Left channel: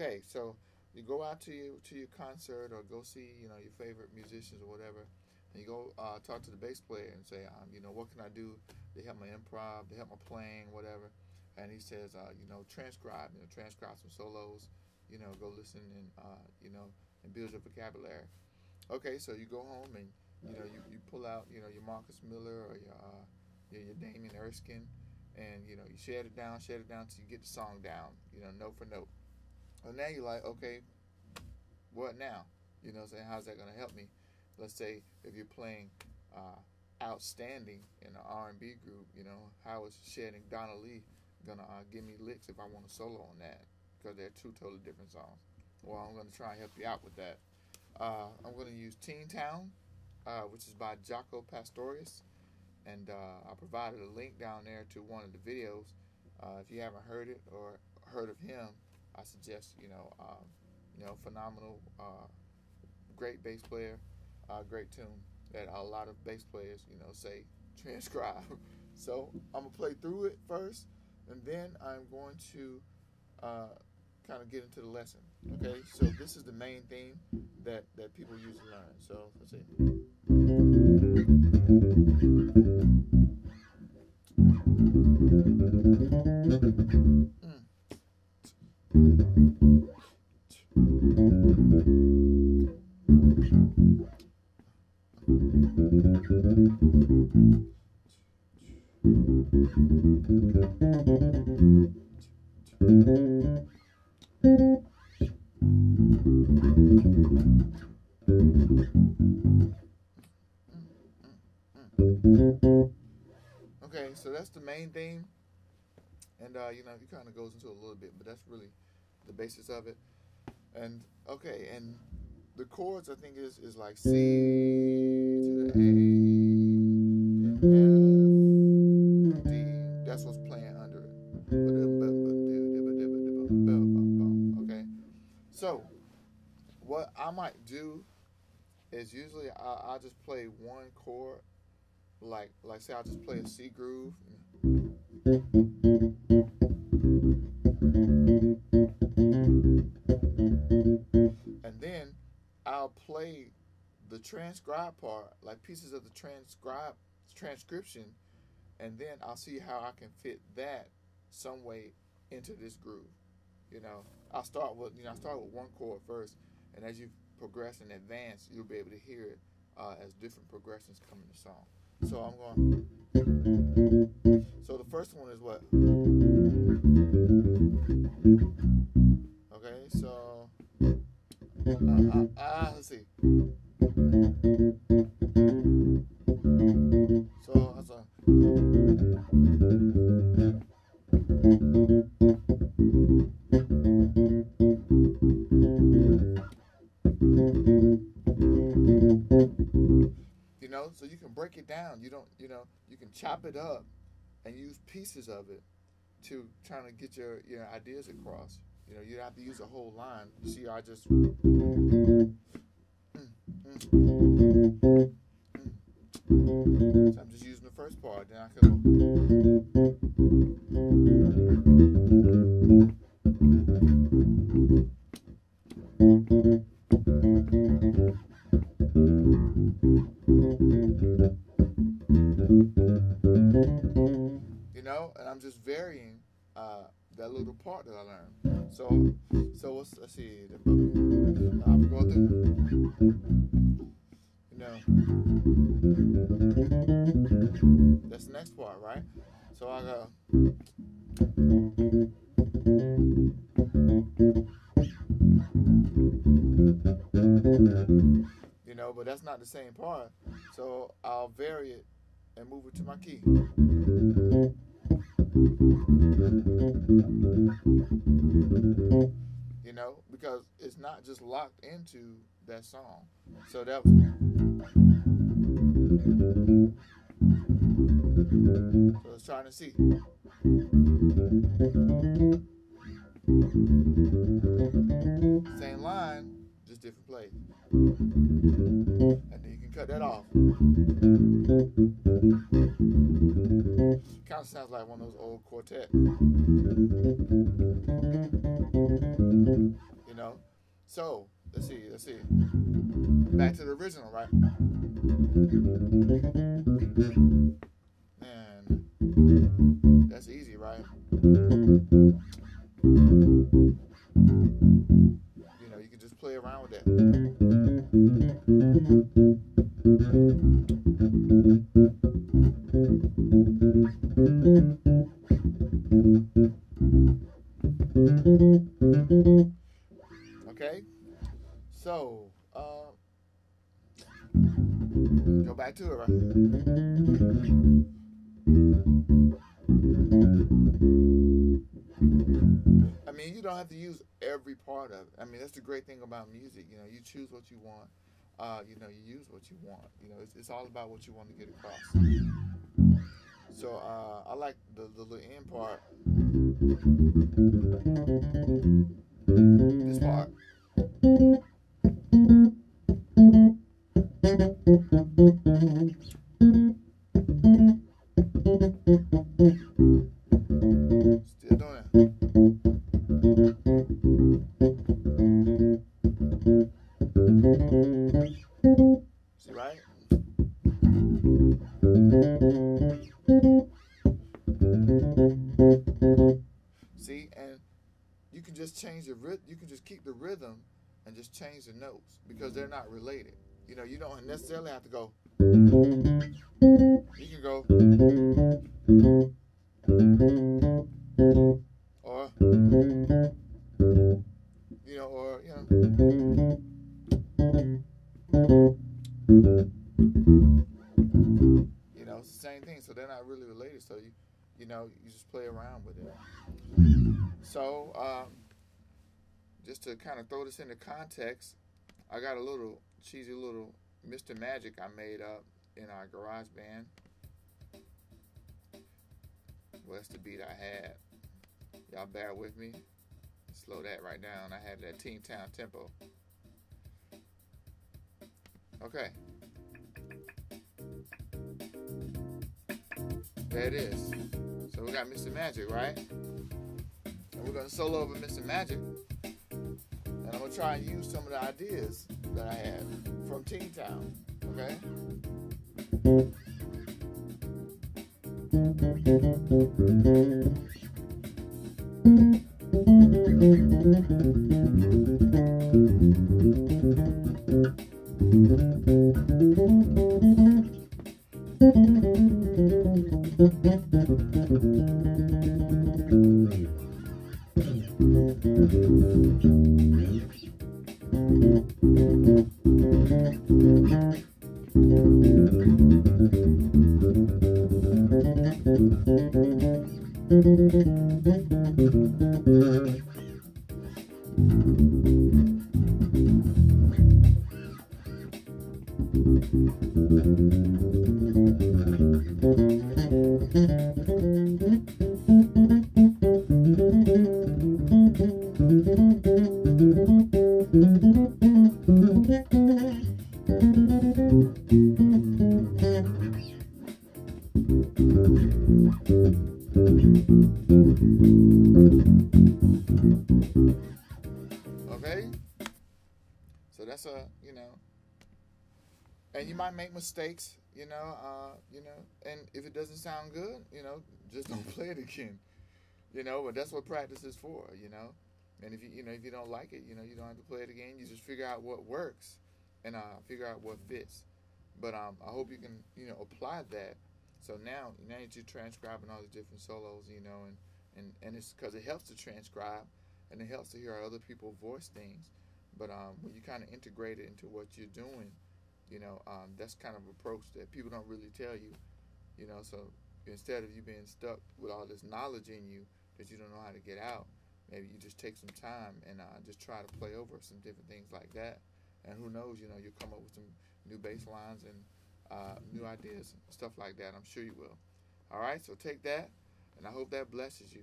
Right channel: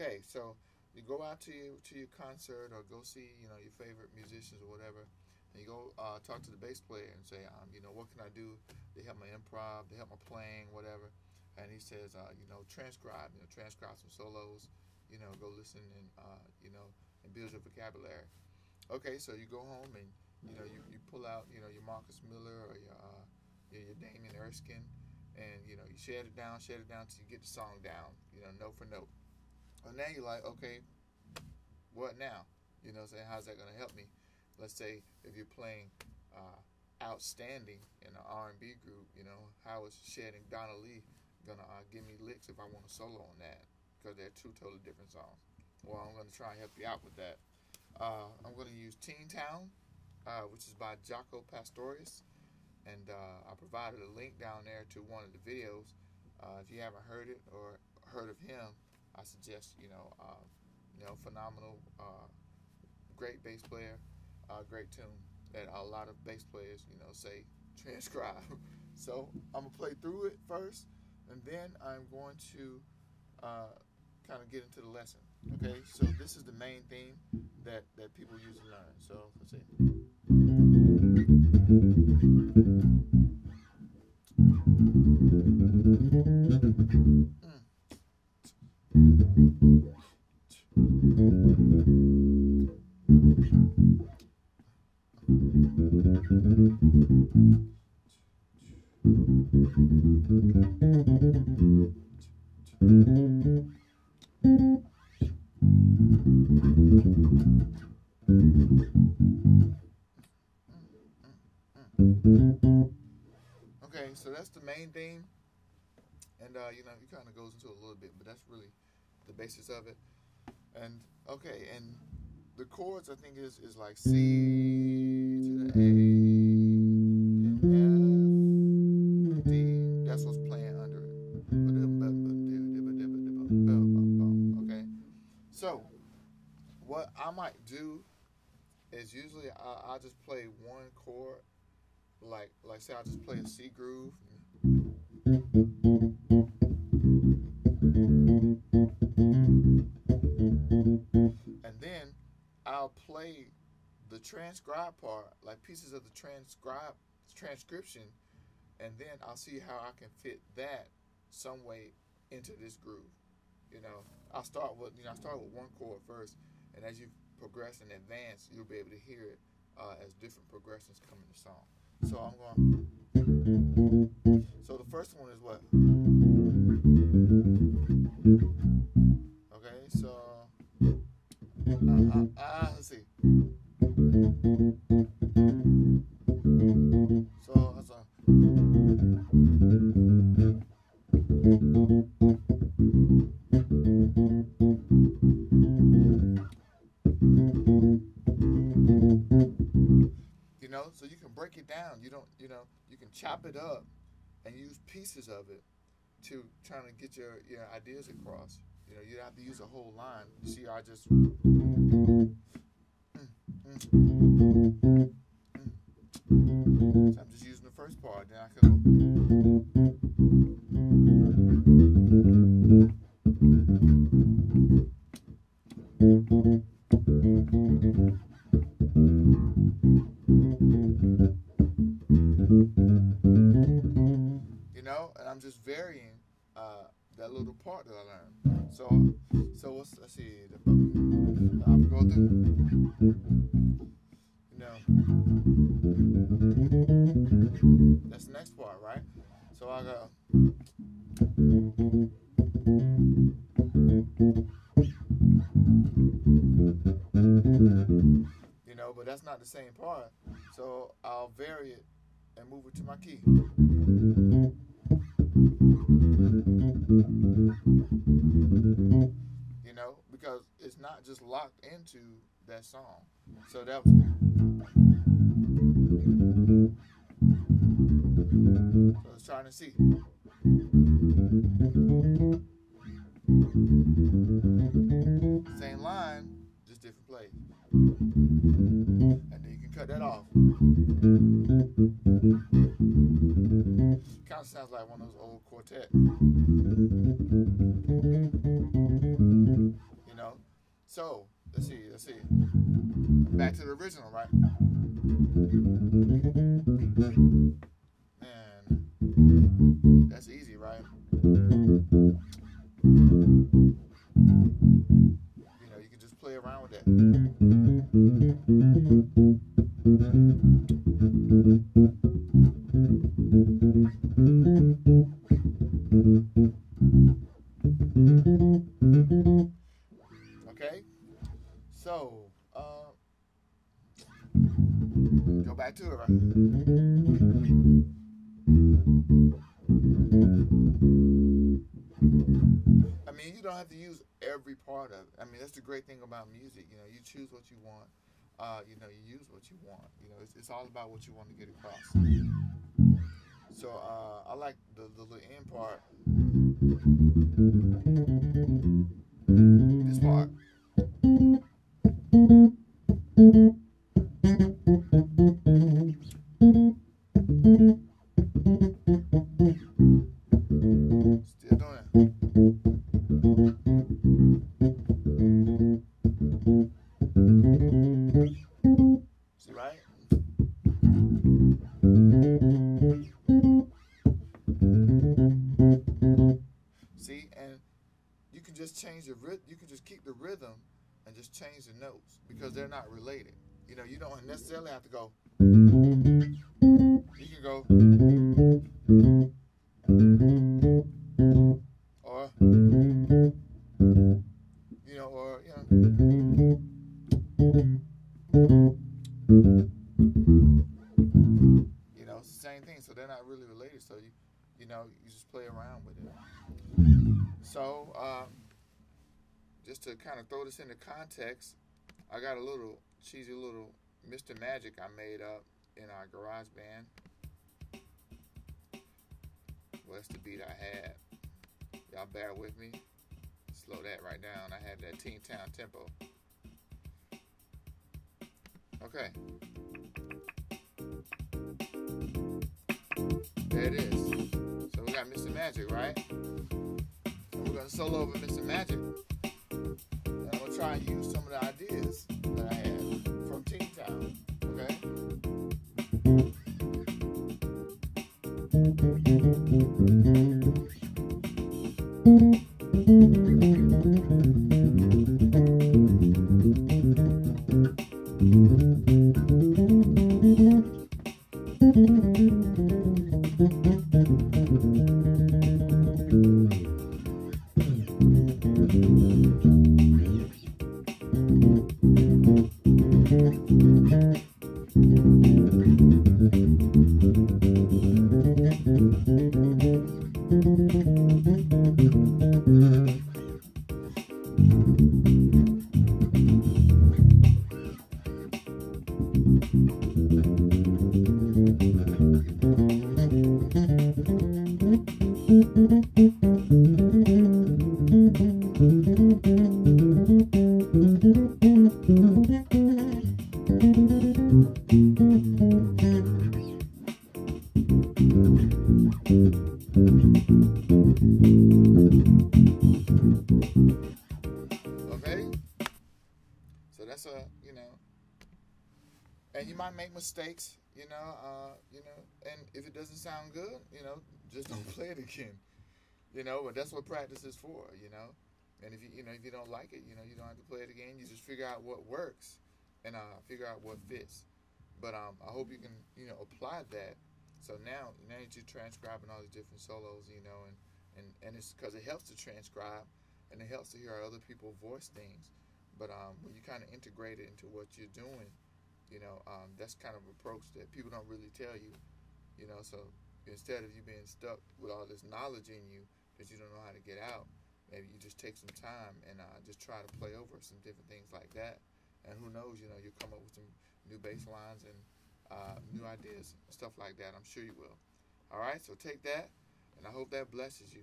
Okay, so you go out to your concert or go see your favorite musicians or whatever, and you go talk to the bass player and say, what can I do to help my improv, to help my playing, whatever. And he says, transcribe some solos, go listen and and build your vocabulary. Okay, so you go home and you pull out your Marcus Miller or your Damien Erskine, and you share it down till you get the song down, note for note. And now you're like, okay, what now? Saying how's that gonna help me? Let's say if you're playing outstanding in an R&B group, how is shedding Donna Lee gonna give me licks if I want a solo on that? Because they're two totally different songs. Well, I'm gonna try and help you out with that. I'm gonna use Teen Town, which is by Jaco Pastorius, and I provided a link down there to one of the videos. If you haven't heard it or heard of him, I suggest phenomenal, great bass player, great tune that a lot of bass players say transcribe. So I'm gonna play through it first, and then I'm going to kind of get into the lesson. Okay, so this is the main theme that people usually learn. So let's see. Okay, so that's the main theme, and it kind of goes into a little bit, but that's really the basis of it. And okay, and the chords I think is like C to the A, then F, D. That's what's playing under it. Okay, so what I might do is usually I'll just play one chord, like say I'll just play a C groove. And then I'll play the transcribe part, like pieces of the transcription, and then I'll see how I can fit that some way into this groove. I'll start with one chord first, and as you progress and advance, you'll be able to hear it as different progressions come in the song. So I'm going. So the first one is what? Okay, so let's see. So that's a. So you can break it down. You can chop it up and use pieces of it to trying to get your ideas across. You don't have to use a whole line. You see, I just. So I'm just using the first part. Then I can and I'm just varying that little part that I learned. So let's see. I'm going through. That's the next part, right? So I go. But that's not the same part. So I'll vary it and move it to my key. Because it's not just locked into that song. So that was. So it's trying to see. Same line, just different place. And then you can cut that off. Kind of sounds like one of those old quartets. So let's see. Back to the original, right? And that's easy, right? You know, you can just play around with that. Okay, so go back to it, right? I mean, you don't have to use every part of it. I mean, that's the great thing about music. You know, you choose what you want. You know, you use what you want. You know, it's all about what you want to get across. So I like the little end part. This part. Still doing it. See, right? See, and you can just change the rhythm. You can just keep the rhythm and just change the notes because they're not related. You know, you don't necessarily have to go. You can go, or you know, or you know. You know, it's the same thing. So they're not really related. So you know, you just play around with it. So just to kind of throw this into context, I got a little cheesy little Mr. Magic I made up in our garage band. Well, that's the beat I had. Y'all bear with me. Slow that right down. I had that Teen Town tempo. Okay. There it is. So we got Mr. Magic, right? And we're going to solo over Mr. Magic. And I'm going to try and use some of the ideas that I had from Teen Town. Okay? Okay? So that's you know, and you might make mistakes, you know, and if it doesn't sound good, you know, just don't play it again, you know, but that's what practice is for, you know, and if if you don't like it, you know, you don't have to play it again, you just figure out what works, and figure out what fits, but I hope you can, you know, apply that, so now that you're transcribing all these different solos, you know, and it's because it helps to transcribe, and it helps to hear other people voice things, but when you kind of integrate it into what you're doing, you know, that's kind of approach that people don't really tell you, you know, so instead of you being stuck with all this knowledge in you that you don't know how to get out, maybe you just take some time and just try to play over some different things like that, and who knows, you know, you'll come up with some new bass lines and new ideas and stuff like that. I'm sure you will. All right, so take that, and I hope that blesses you.